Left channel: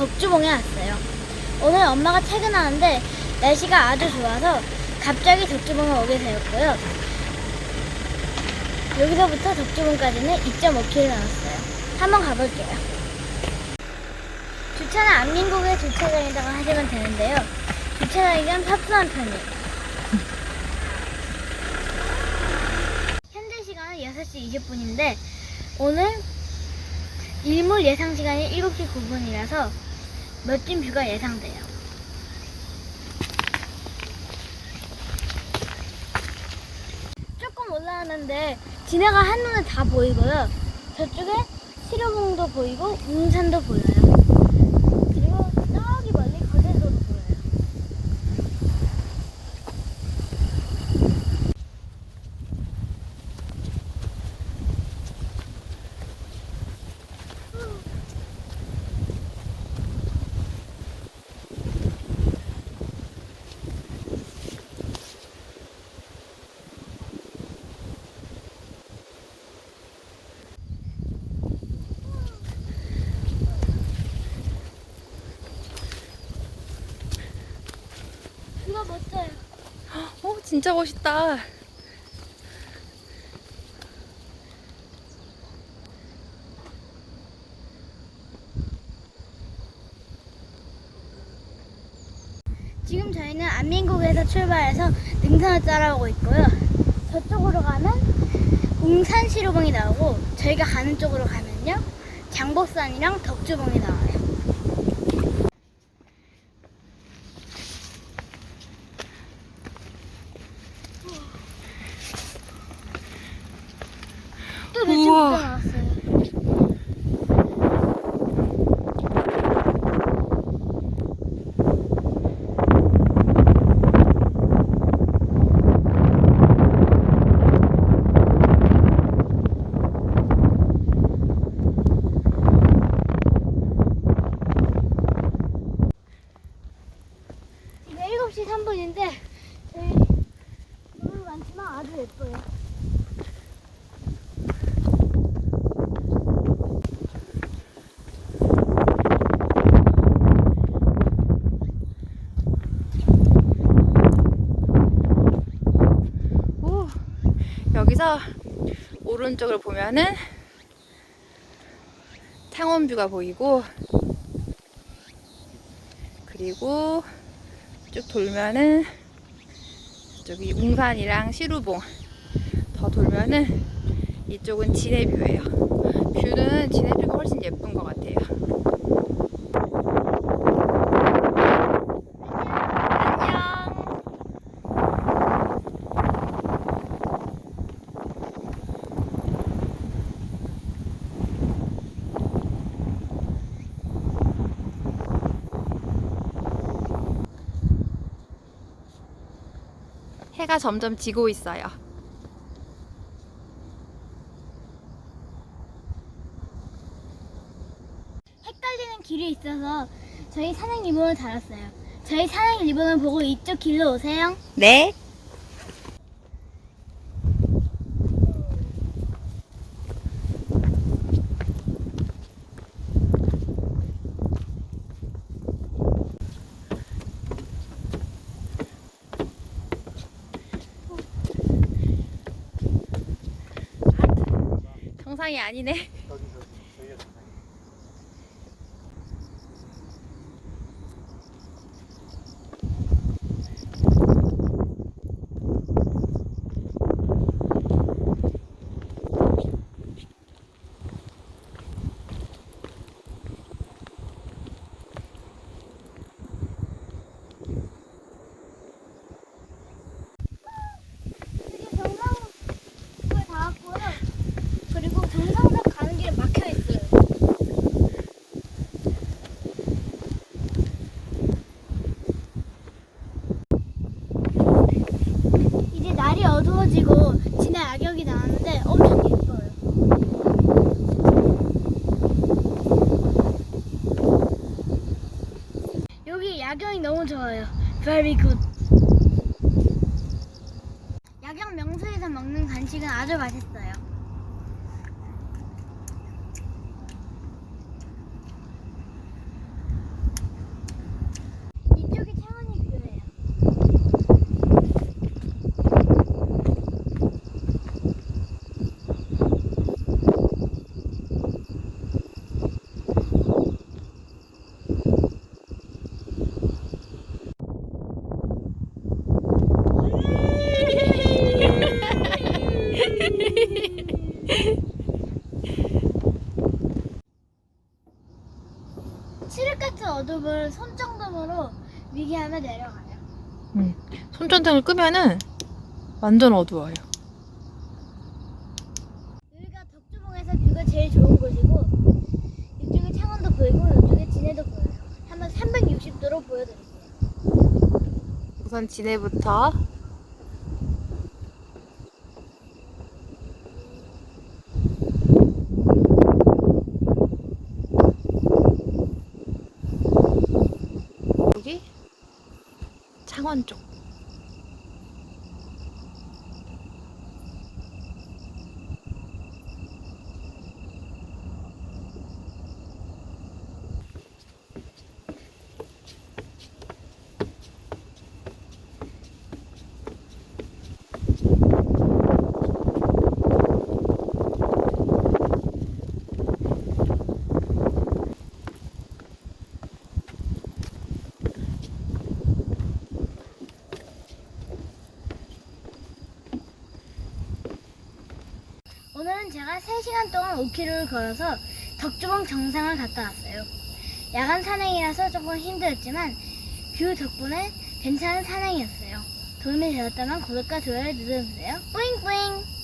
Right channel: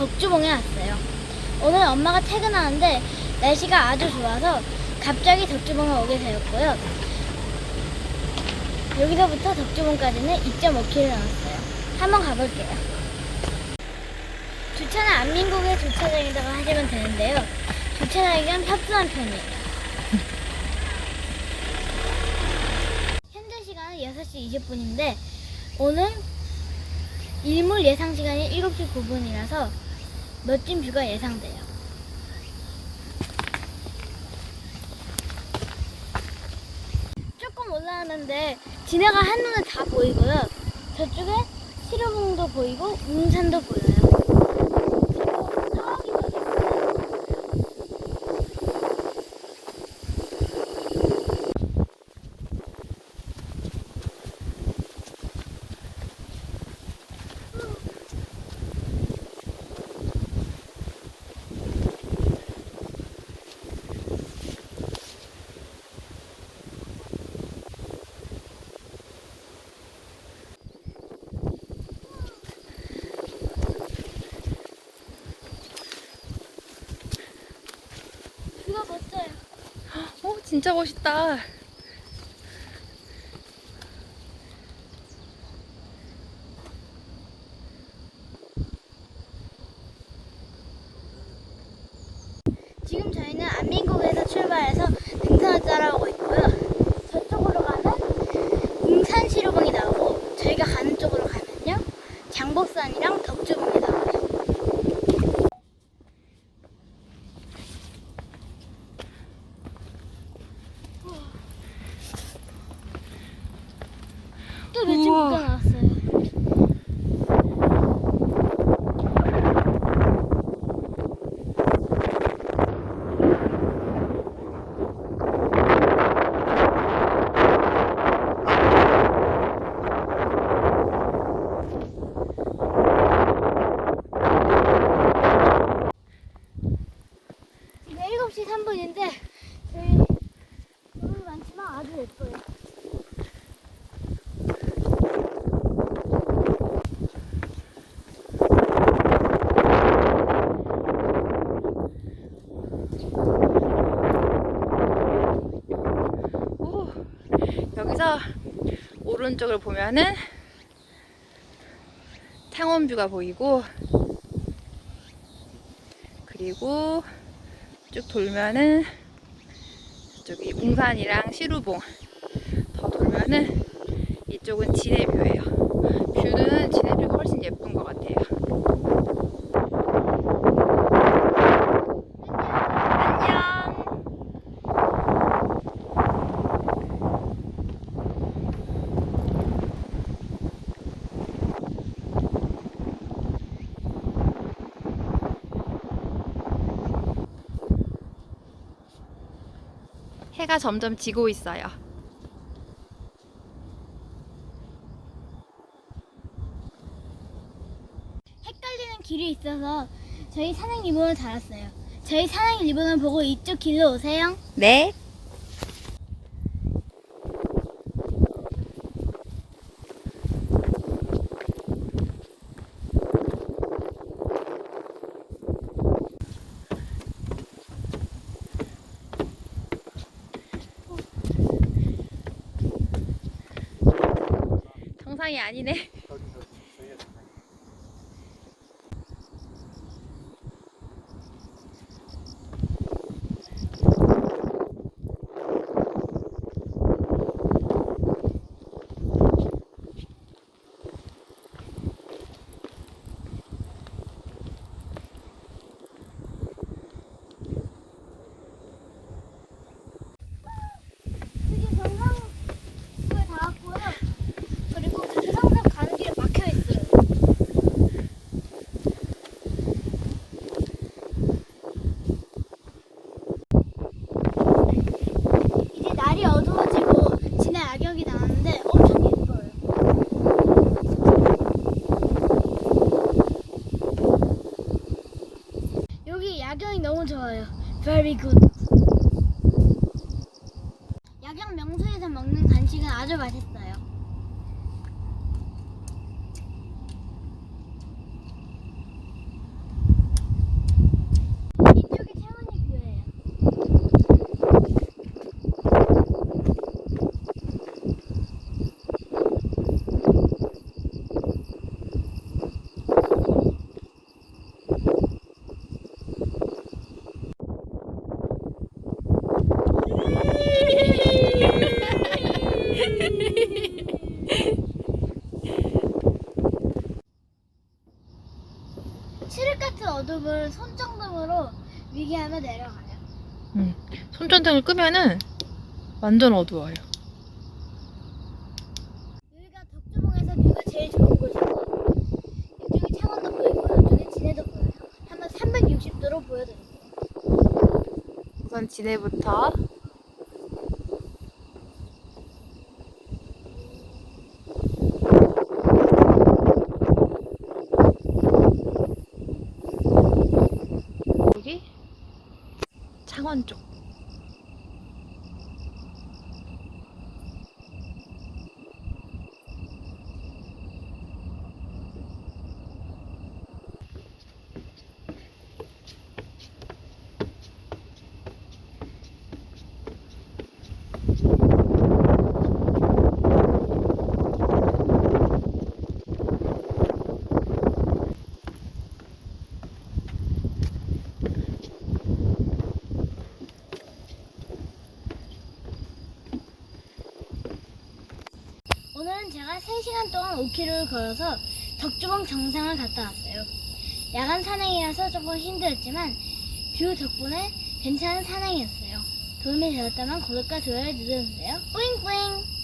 덕주봉에 왔어요. 오늘 엄마가 퇴근하는데 날씨가 아주 좋아서 갑자기 덕주봉에 오게 되었고요. 여기서부터 덕주봉까지는 2.5km 남았어요. 한번 가볼게요. 주차는 안민국의 주차장에다가 하시면 되는데요. 주차장이 좀 협소한 편이에요. 현재 시간은 6시 20분인데 오늘 일몰 예상 시간이 7시 9분이라서 멋진 뷰가 예상돼요. 조금 올라가는데 진해가 한눈에 다 보이고요. 저쪽에 시로봉도 보이고 웅산도 보여요. 그리고 저기 멀리 있어요. 뷰가 멋져요. 어, 진짜 멋있다. 지금 저희는 안민국에서 출발해서 등산을 따라오고 있고요. 저쪽으로 가면 웅산시로봉이 나오고 저희가 가는 쪽으로 가면요. 장복산이랑 덕주봉이 나와요. 또 며칠 우와. 못 나왔어요. 지금 7시 3분인데 저희 너무 많지만 아주 예뻐요. 오, 여기서 오른쪽을 보면은 탕원뷰가 보이고 그리고 쭉 돌면은 저기 웅산이랑 시루봉 더 돌면은 이쪽은 진해뷰예요. 뷰는 진해뷰가 훨씬 예쁜 것 같아요. 안녕. 해가 점점 지고 있어요. 헷갈리는 길이 있어서 저희 산행 리본을 달았어요. 저희 산행 리본을 보고 이쪽 길로 오세요. 네. 정상이 아니네. 저기 저기 저희가 정상이 지금 정상을 다 왔고요. 그리고 정상산 가는 길에 막혀 있어요. 이제 날이 어두워지고 진해 악역이 나왔는데 엄청 예뻐요. 여기 야경이 너무 좋아요. Very good. 야경 명소에서 먹는 간식은 아주 맛있어요. 유기하면 내려가요. 손전등을 끄면은 완전 어두워요. 여기가 덕주봉에서 뷰가 제일 좋은 곳이고 이쪽에 창원도 보이고 이쪽에 진해도 보여요. 한번 360도로 보여드릴게요. 우선 진해부터 창원 쪽. 제가 3시간 동안 5km를 걸어서 덕주봉 정상을 갔다 왔어요. 야간 산행이라서 조금 힘들었지만 뷰 덕분에 괜찮은 산행이었어요. 도움이 되었다면 구독과 좋아요 눌러주세요. 뿌잉뿌잉!